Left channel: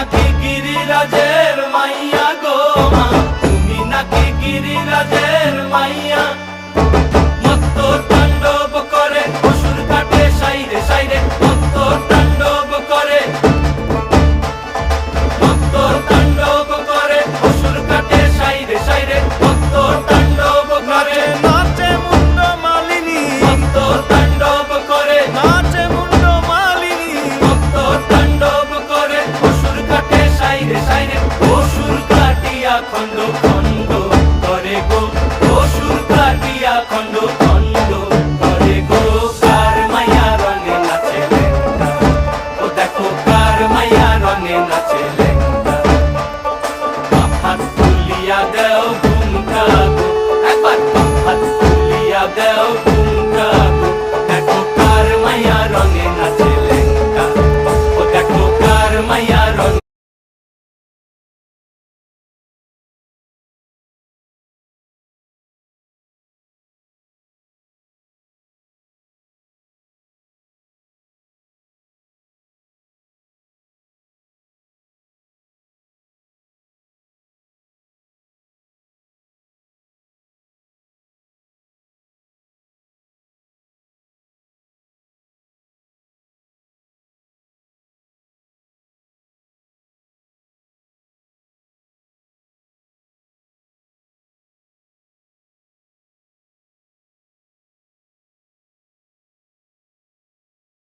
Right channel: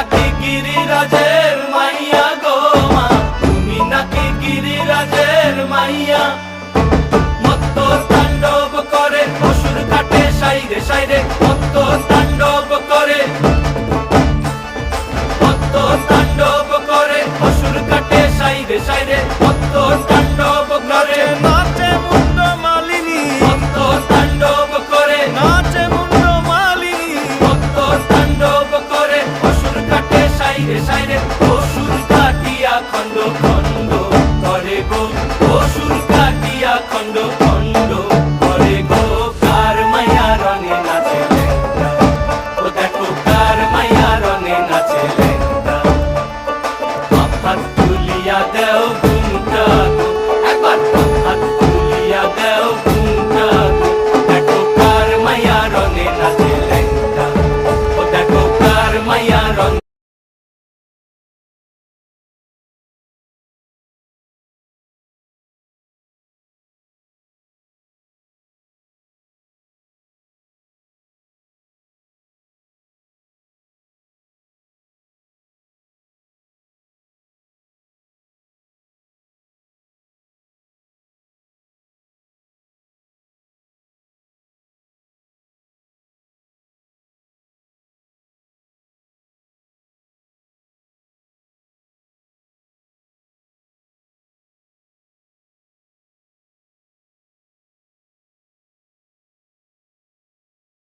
নাকি গিরিরাজের মাইয়া গো মা, তুমি নাকি গিরিরাজের মাইয়া। মত্ত তাণ্ডব করে অসুর কাটে সাইরে সাইরে, মত্ত তাণ্ডব করে, মত্ত তাণ্ডব করে অসুর কাটে সাইরে সাইরে, মত্ত তাণ্ডব করে। নাচে মুন্ড মালিনী, মত্ত তাণ্ডব করে, নাচে মুন্ড মালিনী, মত্ত তাণ্ডব করে অসুর কাটে সাইরে সাইরে, অসুর কাটিয়া খণ্ড খণ্ড করে গো, অসুর কাটিয়া খণ্ড খণ্ড করে গো। কার মাইয়া রঙে নাচে লেঙ্গা, ও দেখো কার মাইয়া রঙে নাচে।